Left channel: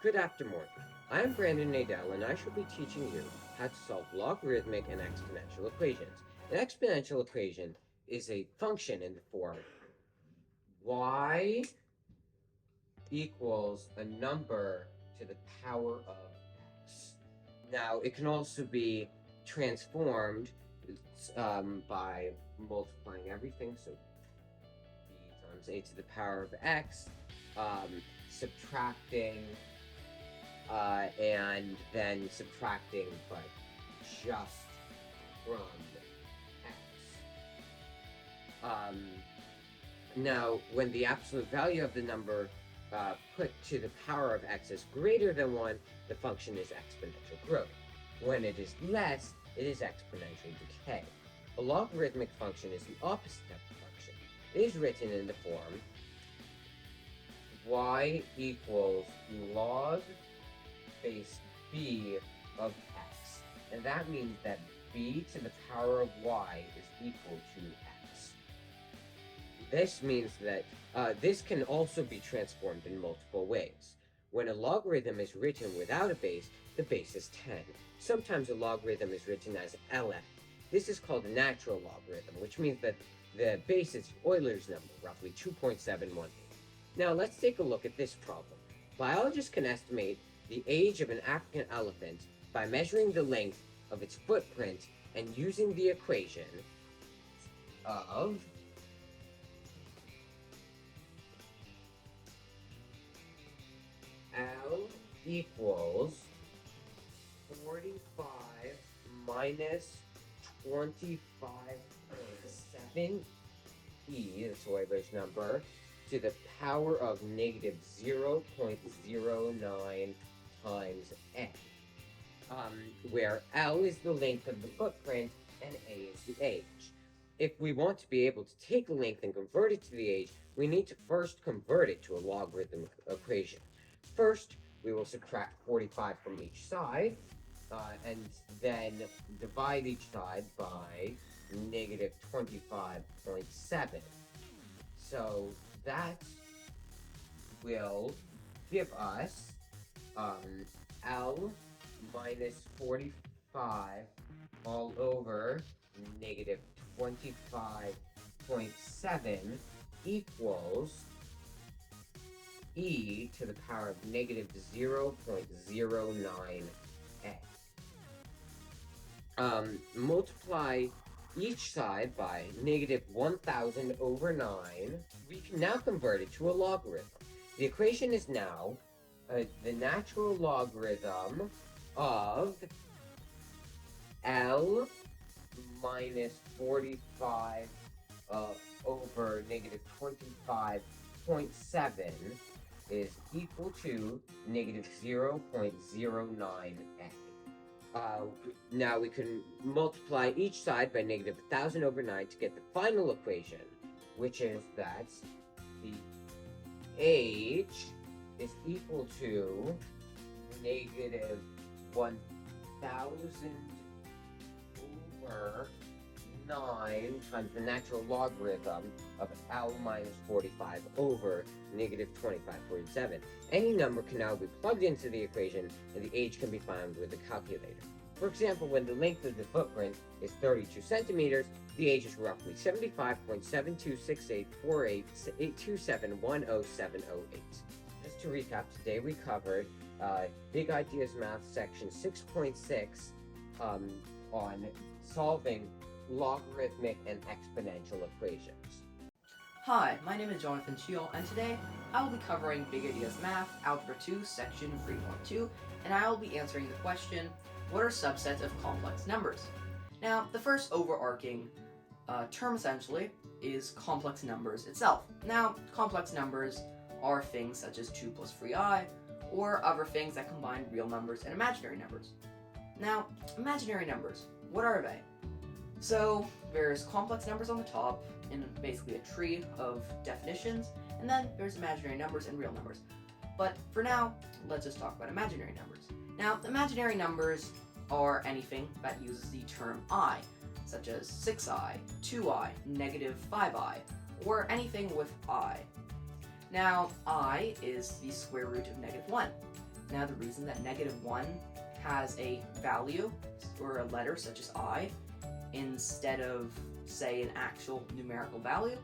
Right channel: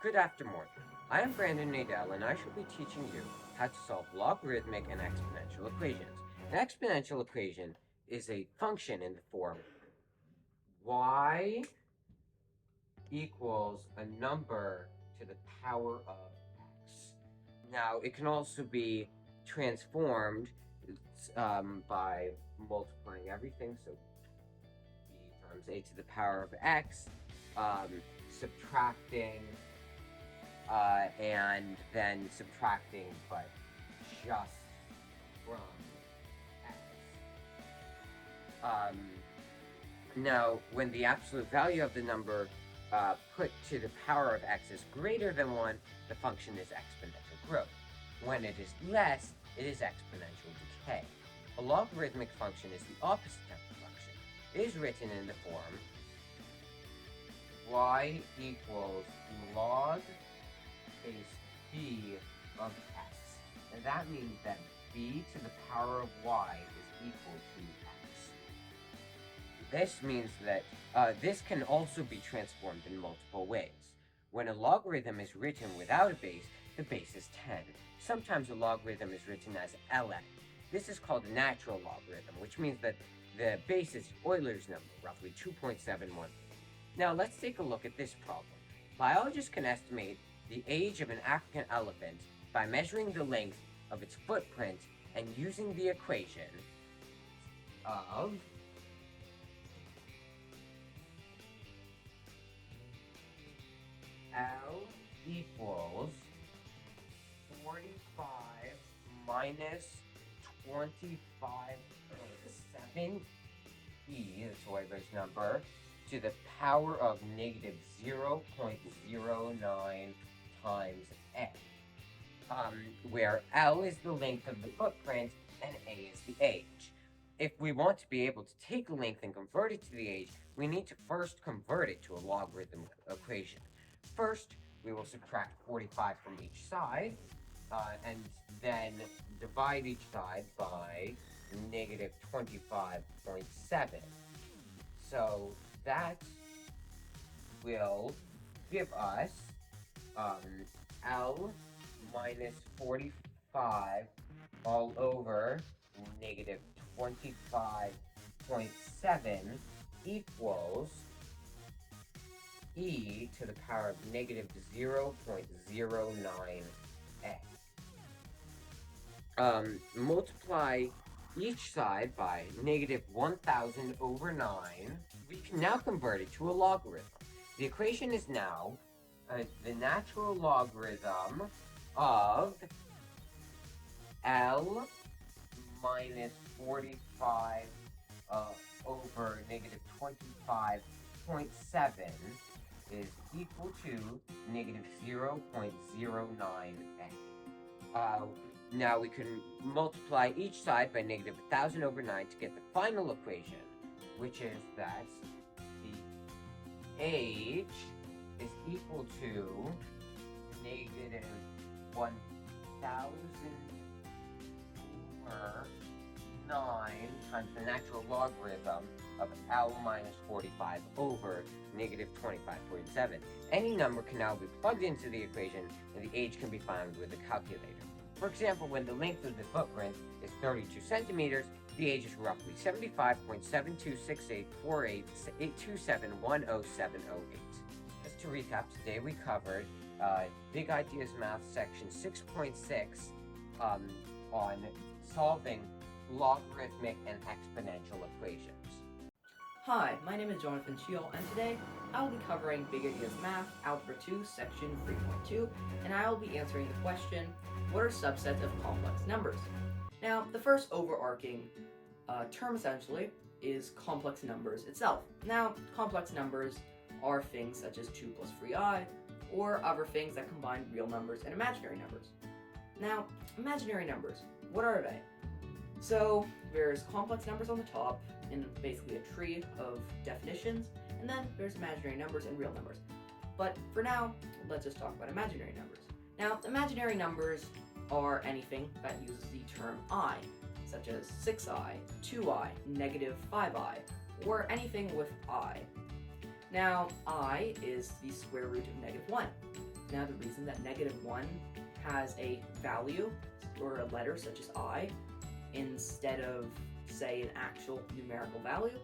Good afternoon. I am Brandon Nadell, and I shall be teaching you how to solve logarithmic and exponential equations. An exponential equation is a function in the form y equals a number to the power of x. Now, it can also be transformed by multiplying everything, so b times a to the power of x, subtracting and then subtracting, but just from x. Now, when the absolute value of the number put to the power of x is greater than 1, the function is exponential growth. When it is less, it is exponential decay. A logarithmic function is the opposite of the function. It is written in the form y equals log base b of x. And that means that b to the power of y is equal to x. This means that this can also be transformed in multiple ways. When a logarithm is written without a base, the base is 10. Sometimes a logarithm is written as ln. This is called a natural logarithm, which means that the base is Euler's number, roughly 2.71. Now let's take a look at this problem. Biologists can estimate the age of an African elephant by measuring the length of its footprint and using the equation of L equals 45 minus 25.7 that's Euler's number, to the power of negative 0.09 times a, where L is the length of the footprint and a is the age. If we want to be able to take a length and convert it to the age, we need to first convert it to a logarithm equation. First, we will subtract 45 from each side, and then divide each side by negative 25.7. So that will give us L minus 45 all over negative 25.7 equals e to the power of negative 0.09a. Multiply each side by negative 1,000 over 9. We can now convert it to a logarithm. The equation is now the natural logarithm of L minus 45 over negative 25.7 is equal to negative 0.09a. Now we can multiply each side by negative 1,000 over 9 to get the final equation, which is that the age is equal to negative 1,000 over 9 times the natural logarithm of L minus 45 over negative 25.7. Any number can now be plugged into the equation, and the age can be found with a calculator. For example, when the length of the footprint is 32 centimeters, the age is roughly 75.726848271078. Just to recap, today we covered Big Ideas Math section 6.6 on solving logarithmic and exponential equations. Hi, my name is Jonathan Shiel, and today I will be covering Big Ideas Math, Algebra 2, Section 3.2, and I will be answering the question, what are subsets of complex numbers? Now, the first overarching term essentially is complex numbers itself. Now, complex numbers are things such as 2 plus 3i, or other things that combine real numbers and imaginary numbers. Now, imaginary numbers, what are they? So, there's complex numbers on the top, in basically a tree of definitions, and then there's imaginary numbers and real numbers. But for now, let's just talk about imaginary numbers. Now, imaginary numbers are anything that uses the term I, such as 6i, 2i, negative 5i, or anything with I. Now, I is the square root of negative 1. Now, the reason that -1 has a value or a letter such as I instead of, say, an actual numerical value,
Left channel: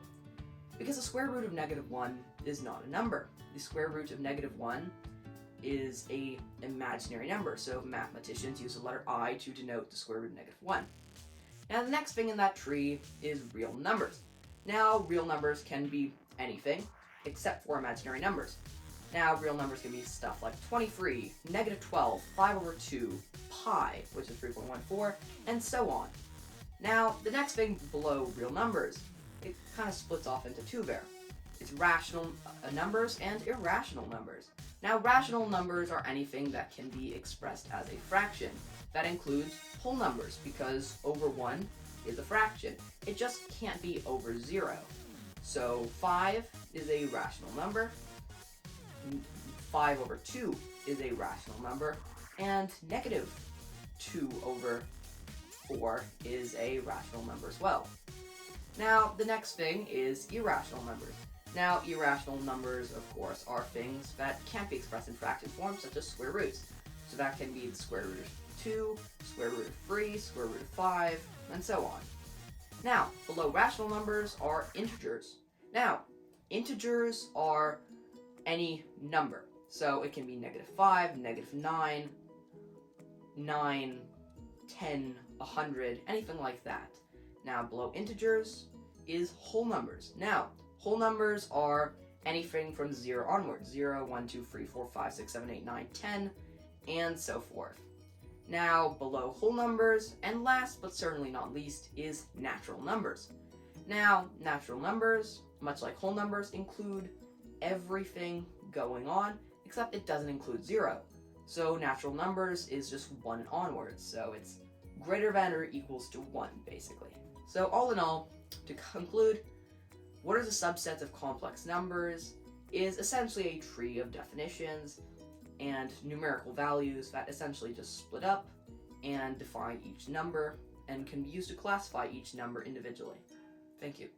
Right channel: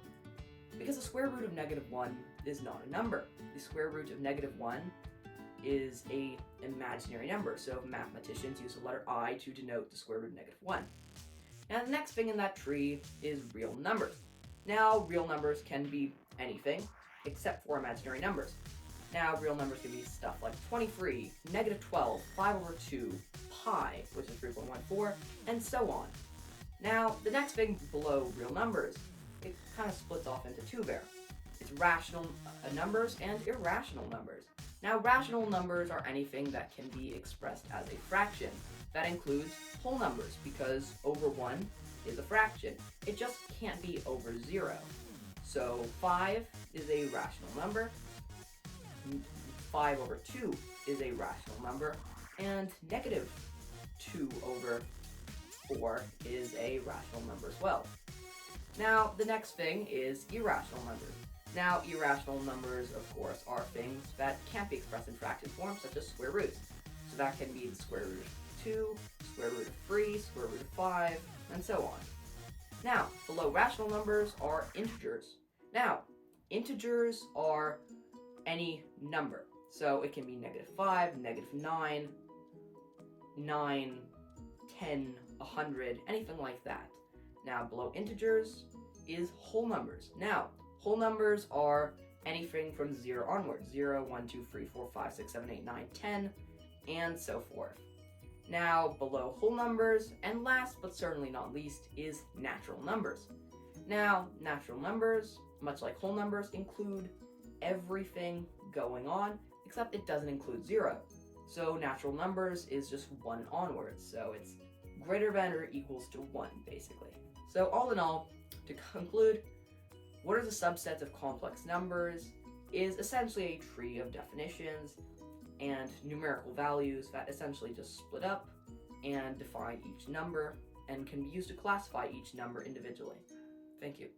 because the square root of -1 is not a number. The square root of -1 is a imaginary number, so mathematicians use the letter I to denote the square root of -1. Now, the next thing in that tree is real numbers. Now, real numbers can be anything except for imaginary numbers. Now, real numbers can be stuff like 23, -12, 5/2, pi, which is 3.14, and so on. Now, the next thing below real numbers, it kind of splits off into two there. It's rational numbers and irrational numbers. Now, rational numbers are anything that can be expressed as a fraction. That includes whole numbers, because over 1 is a fraction. It just can't be over 0. So 5 is a rational number, 5/2 is a rational number, and -2/4 is a rational number as well. Now, the next thing is irrational numbers. Now, irrational numbers, of course, are things that can't be expressed in fraction form, such as square roots. So that can be the square root of 2, square root of 3, square root of 5, and so on. Now, below rational numbers are integers. Now, integers are any number. So it can be -5, -9, 9, 10, 100, anything like that. Now, below integers is whole numbers. Now, whole numbers are anything from 0 onward. 0, 1, 2, 3, 4, 5, 6, 7, 8, 9, 10, and so forth. Now, below whole numbers, and last but certainly not least, is natural numbers. Now, natural numbers, much like whole numbers, include everything going on, except it doesn't include 0. So natural numbers is just 1 and onwards, so it's greater than or equals to 1, basically. So all in all, to conclude, what are the subsets of complex numbers is essentially a tree of definitions and numerical values that essentially just split up and define each number and can be used to classify each number individually. Thank you.